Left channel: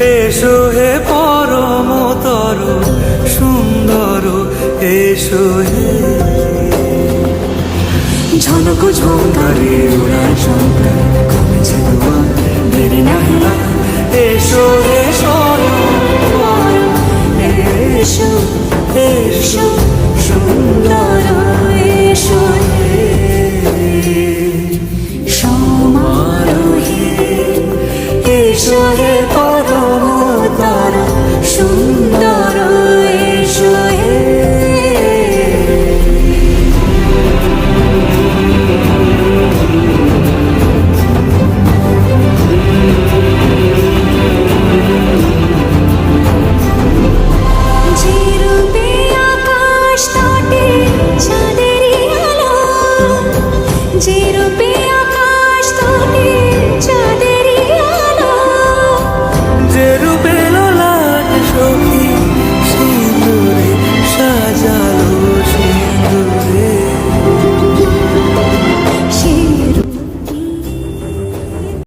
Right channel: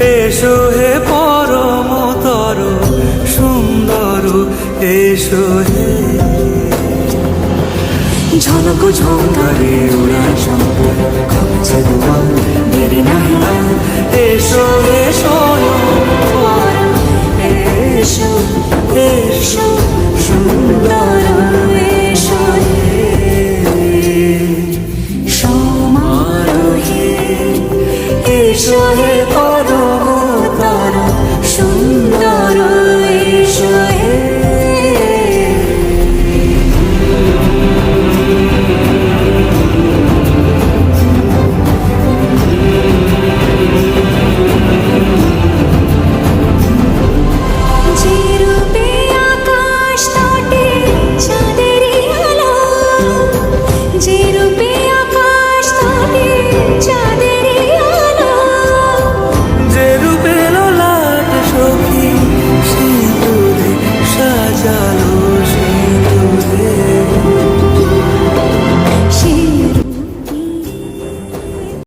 এসো হে পরমতর সুন্দর, এসো হে। ঝনক ঝঙ্কারে উড়ায় শঙ্কার, কমেছে দুয়ার, দেরি নাহি আর। এসো হে স্বয়ংবর, এসো এসো সুন্দর, এসো হে সমারোহে। এসো হে পরমতর সুন্দর, এসো হে। যে রূপে আকাশ তটে চাঁদেরই আলো, যে রূপে আকাশ তটে চাঁদেরই আলো, যে রূপে ললাট সখী সিঁদুরে সাজালো, সিঁদুর